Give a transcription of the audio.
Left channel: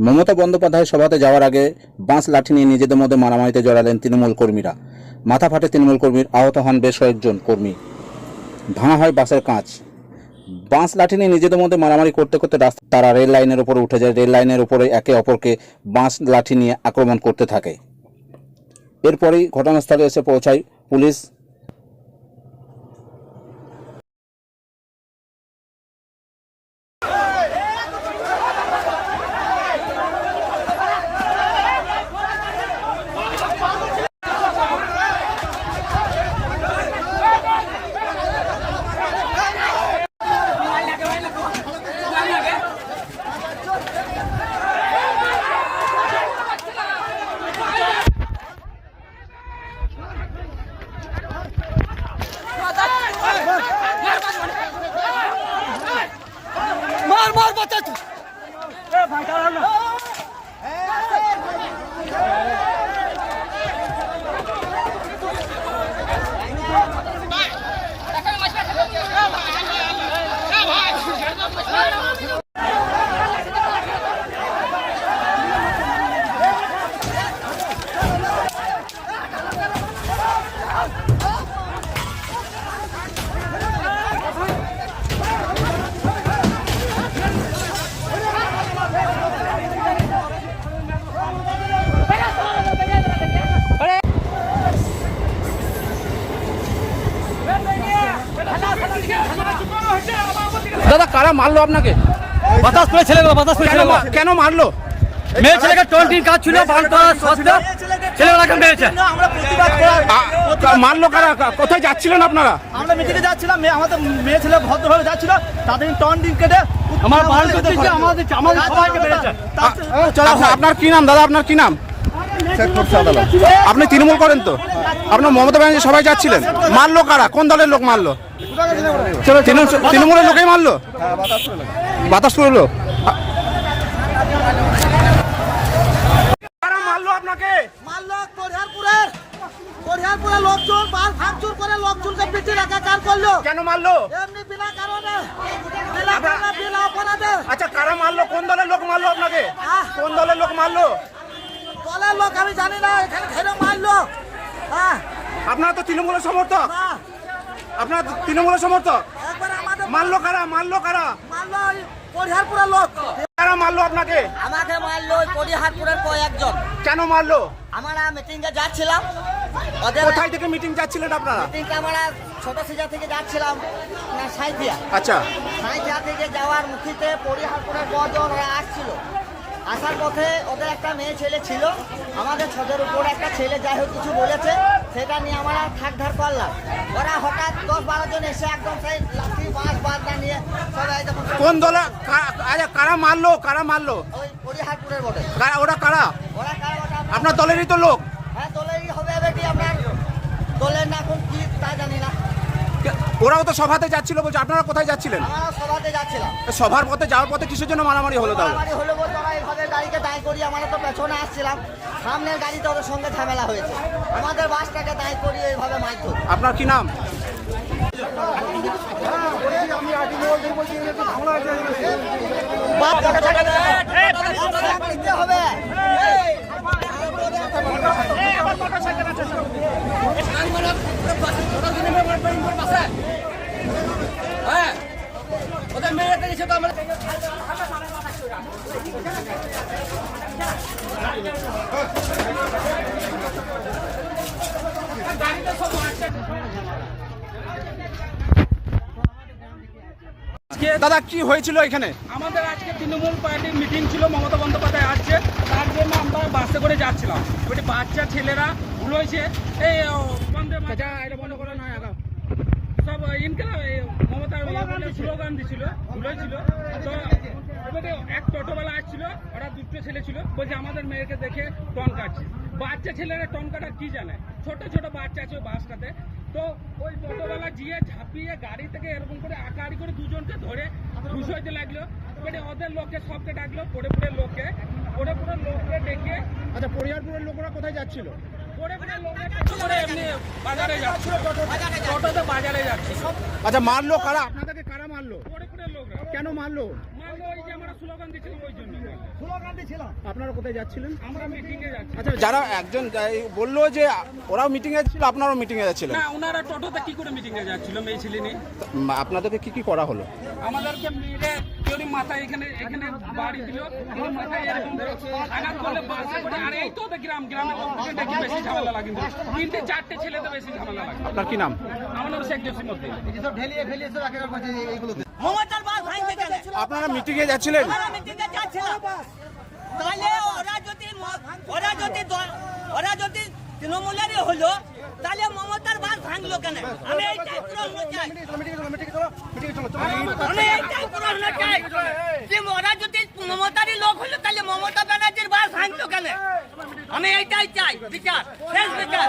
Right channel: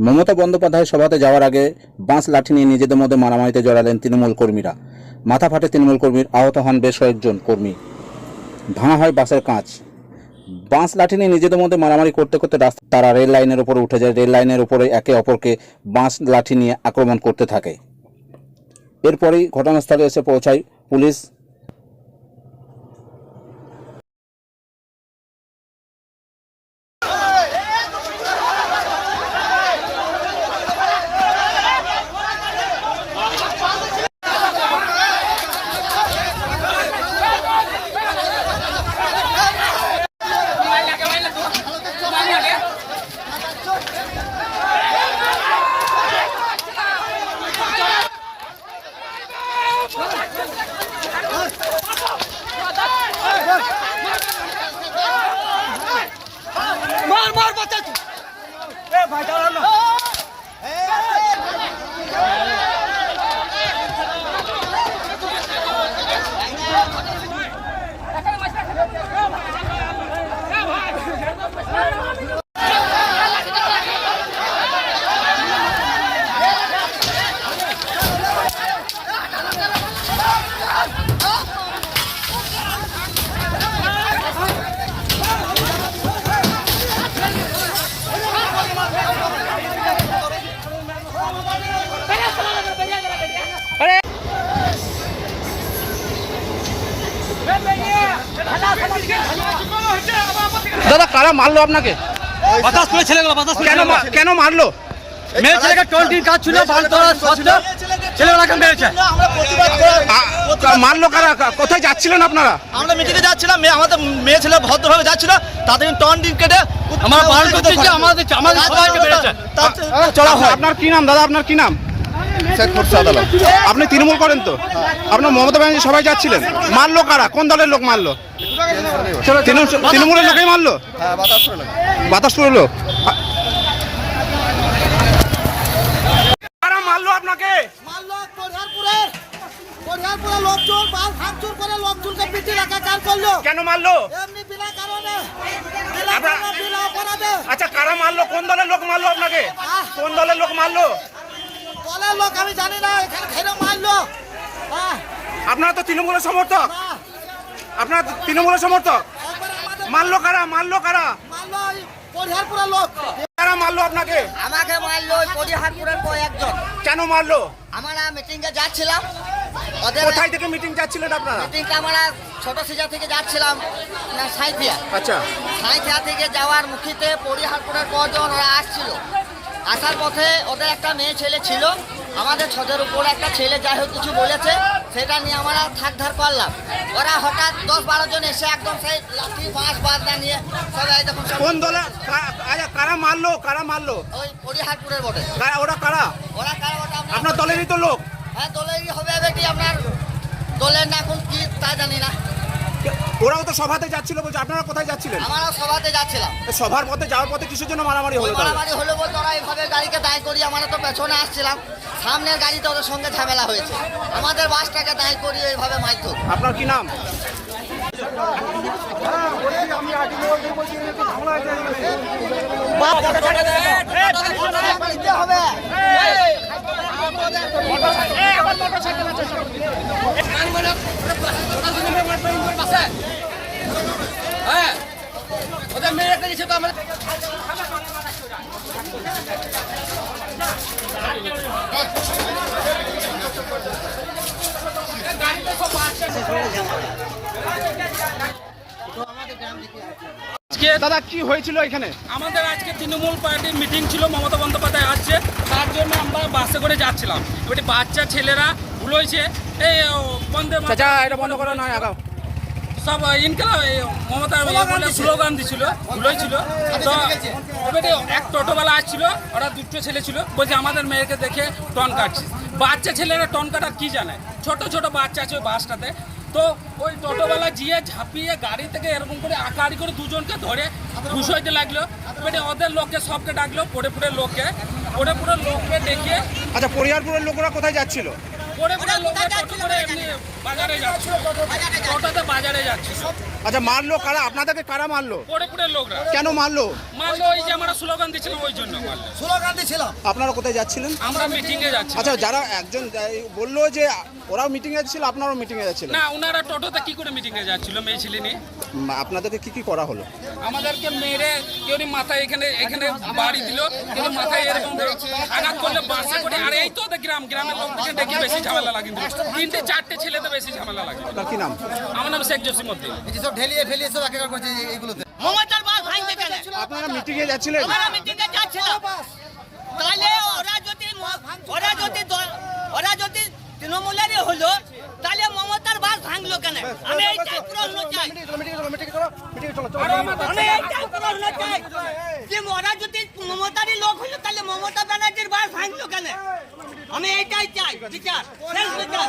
মমতা বন্দ্যোপাধ্যায় সভাতে যাওয়ার আগে বাঁশ লাঠি নিয়ে নিজেদের মধ্যে মারামারিতে জড়ালেন তৃণমূল কর্মীরা। মাথা ফাটে তৃণমূল কর্মীর, আহত হন বেশ কয়েকজন কর্মী। ভাঙা হয় বাসের কাঁচ। বাঁশ লাঠি নিয়ে নিজেদের মধ্যে মারামারি করতে করতে রাস্তা তারা রেল লাইনের উপরে উঠে যায়। রেল লাইনের উপরে একে অপরকে বাঁশ লাঠি নিয়ে আক্রমণ করতে থাকে। এরপরেই ঘটনাস্থলে এসে পৌঁছায় পুলিশ। атаку! দাদা কারা মারলো আপনাকে? বাতাস ছেলেগুলো বাতাস কেন মারলো? মেয়ে ছেলেকে টোয়েন্টি কাজ ছিল মারলো কারা? কোথায় যাচ্ছিলেন আপনারা? আমরা মিটিংয়ে যাচ্ছিলাম মেয়ে আমাদের মেয়ে ছেলে ভদ্রভাবে যাচ্ছিল তাদের টন কেটে আমার বারণ করছে যে আমাদের আমাদের আপনার- আপনার কি নাম দাদা? আপনার কি নাম? আপনি তৃণমূল করেন তো? আপনার মমতা ব্যানার্জি সবাই যাচ্ছিলেন? মারলো কারা? কোন দলের লোক মারলো? তৃণমূলের লোকেই মারলো? বাতাসপুরের লোক মারলো আপনাকে? মারলো কোরিয়ারপুরের কোরিয়ারপুরের লোকজন বাল ভাঙচুর করে লোকজনকে পিটি রাখাকার করল। কেন মারলো? এমনি বিনা কারণে বিনা আপনার- কারণে বিনা অপরাধে। আচ্ছা কারা মারলো? কোন দলের লোক মারলো আপনাকে। কোন দলের লোক মারলো? দলের লোক আমি জানি না এখানে খেলে মারলো। হ্যাঁ আপনারা তো তৃণমূলের সমর্থক। আপনারা তৃণমূলের সমর্থক? মারলো কারা? মারলো কারা? কোরিয়ারপুরের লোক। কারা মারলো আপনাকে? আমাকে মারলো কোটিহাটপুরের কয়েকজন। কেন মারলো? আমরা মিটিংয়ে যাচ্ছিলাম। কোথায় থেকে মিটিং যাচ্ছিলেন আপনারা? মিটিংটা আমরা ছোট সিজা থেকে যাচ্ছিলাম না সাঁইথিয়া। আচ্ছা। সাঁইথিয়া থেকে যাওয়ার মুখিতে পরিহারপুরের কজন ওরা আসছিল। আসার পথে ওদের একটা মেয়ে ছেলে ছিল। আমাদের ছদের উপর একটা ছেলে যাই হোক কিছু বলেছে সেটা নিয়ে আমরা থাক ধার করলাম। ওরা হঠাৎ দশ বারো জন এসে একদম সেই লাঠি বাঁশ বাঁধনা নিয়ে সবাই সব কোন দলে? আচ্ছা কারা মারলো? কারা মারলো? ওই পরিহারপুরের বটে। কারা ওরা কারা? ওরা কারা বটে আপনার দলেরই তো লোক। হ্যাঁ দলেরই হবে বেটি আপনার দলের না কোন কি তা জানি না। ওরাও তো সভাতে যাচ্ছিল বলছে আপনারা কোথায় যাচ্ছিলেন? আমরাও সভাতে যাচ্ছিলাম। সভার পথে যাওয়ার পথে কিসের জন্য মারামারি হলো মারামারি হলো বলতে ওরা এইভাবে গাড়িকে দাঁড় করি আমরা তো পেছনে আসছিলাম। সামনের গাড়িতে ওদের সঙ্গে ঝামেলা হয়েছে। আমাদের বাসটাকে দাঁড় করি এইভাবে মাইতো আপনার কি নাম? আজকে দাদা, কি হয়েছিল এখানে? আমাদের আজকে তৃণমূল পার্টির মিটিং ছিল, মমতা বন্দ্যোপাধ্যায় আসছে। তার জন্য বাসে করে যাচ্ছিলাম। এবারে বাচ্চা ছেলেরা ভুল হয়েছে এই চাচা এটা বন্ধ করো না আগাও। সব ইনকাম মমতা বলে স্লোগান দিছিল ভুল হয়েছিল তো এবারে এক টোটোওয়ালা আসছিল ওরা দুটো ছেলে ছিল বলছে আমাদের মেয়েকে দেখে টন কাটছিস। বাচ্চা ছেলেরা টন কাটার কি জানে? ছোট ছোট বাচ্চা আছে ওই বাসটাতে। তো ওই টোটোওয়ালা গিয়ে ঝাঁপিয়ে গাড়ি থেকে এরকম করে আকারি করে দুজনকে ধরে ঘুষাইতে লাগল। এবারে ওদের লোককে সবকে ডাকলো পড়ে পড়ে লোককে। পড়ে পুরো লোককে দেখিয়ে আচ্ছা পরিবারপুরের লোকরা কোথায় যাচ্ছিল? যাচ্ছিল যাচ্ছিল আচ্ছা মারলো কারা? আপনাদেরকে কারা মারলো? কেন মারলো? মারলো ওই যে আমরা স্লোগান দিচ্ছিলাম ওই জন্য স্লোগান দিয়েছিলাম। আপনারা কোথায় যাচ্ছিলেন? আমরা মিটিংয়ে যাচ্ছি আচ্ছা যারা একজন বলল যে ওরাও মিটিং এ ছিল আপনারাও মিটিং এ যাচ্ছিলেন? না ওনারা টোটোতে কি করে মিটিংয়ে যাচ্ছিল মেয়ে আপনাদেরকে কি কি করা হলো? আমাদেরকে মেরে কেউ মাথায় এখানে এখানে বাড়ি দিল কেউ মাথায় এরকম আঘাত করলে বাসে করে আর এই তো গ্রাম গ্রামের লোক ডেকে বেশি। ঝামেলা লাগে তিনটে চারটে ছেলেতে বেশি ঝামেলা লাগে। আপনার কি নাম? আমার নাম শেখ জসিম উদ্দিন। সব ঢেলিয়ে ফেলিয়ে সব একেকার করছে এইগুলোতে। মমতার বাস ভাঙতে কেন আপনারা মিটিং এ যাচ্ছিলেন? আমরা মিটিংয়ে যাচ্ছিলাম তাহলে ওরা যদি ওরা যদি ওরা যদি তৃণমূলেরই হলো তাহলে মমতার বাস ভাঙলো কেন? আমি এইটাই প্রশ্ন চাই। আমি এইটাই প্রশ্ন চাই। যে ওরা যদি মমতারই লোক হলো তাহলে মমতা ভাঙলো কেন আমি এইটাই চাই বিচার শেষ বিচার